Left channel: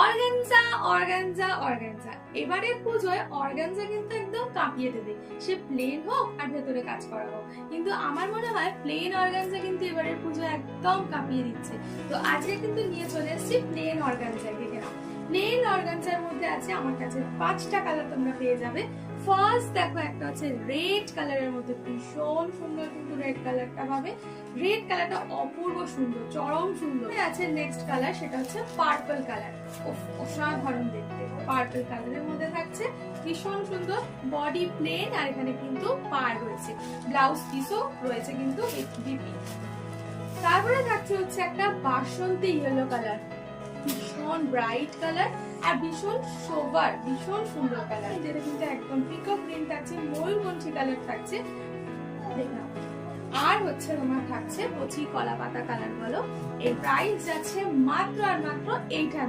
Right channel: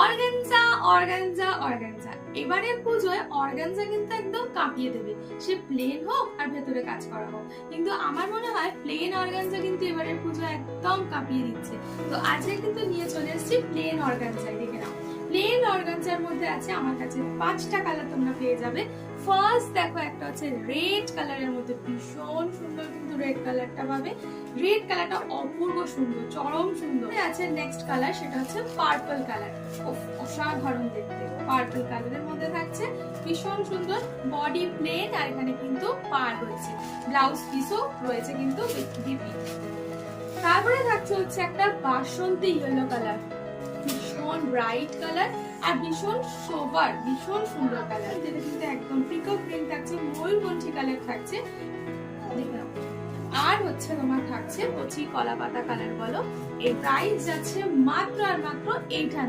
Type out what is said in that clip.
Organza organza organza, এবারের পুজোয় organza কিন্তু একদম কাঁপিয়ে দেবে, সে প্লেন হোক আর ভেতরে কাজ করা হোক। কিন্তু আমার মনে হয় প্লেন অর্গানজা কিন্তু এবারের পুজো একদম কাঁপিয়ে দিচ্ছে। তো আজকে কিন্তু নিয়ে চলে এসেছি প্লেন অর্গানজা। দেখে নাও, প্লেন অর্গানজার মধ্যে আছে আমার কাছে 5টা কালার তোমরা পেয়ে যাবে। ফার্স্ট দেখো, একটা আছে রেড কালারের মধ্যে, ভীষণ সুন্দর কিন্তু রেড কালারটা পাবে। রেড কালারটা অপূর্ব সুন্দর, চরম সুন্দর আছে। নেক্সট কালার সেটা হচ্ছে পার্পল কালার, অসাধারণ দেখতে। পার্পল কালারের মধ্যে থাকছে, ভীষণ সুন্দর। বডি প্লেন আর এখানে কিন্তু পার রয়েছে, ব্লাউজ পিসও রয়েছে কিন্তু বিপি। তারপরে থাকছে হচ্ছে একটা বাসন্তী ইয়েলো কালার, ভীষণ ব্রাইট কালার আর ভীষণ সোবার, ভীষণ সুন্দর কালার। যেটা কিন্তু একদম পিকক গ্রিন থাকছে, ময়ূরকণ্ঠী কালার থাকছে, দেখলাম। আর হচ্ছে তোমার থাকছে কচি কলা পাতা কালার বলো। এর প্রাইস যাচ্ছে মাত্র আর মাত্র 800।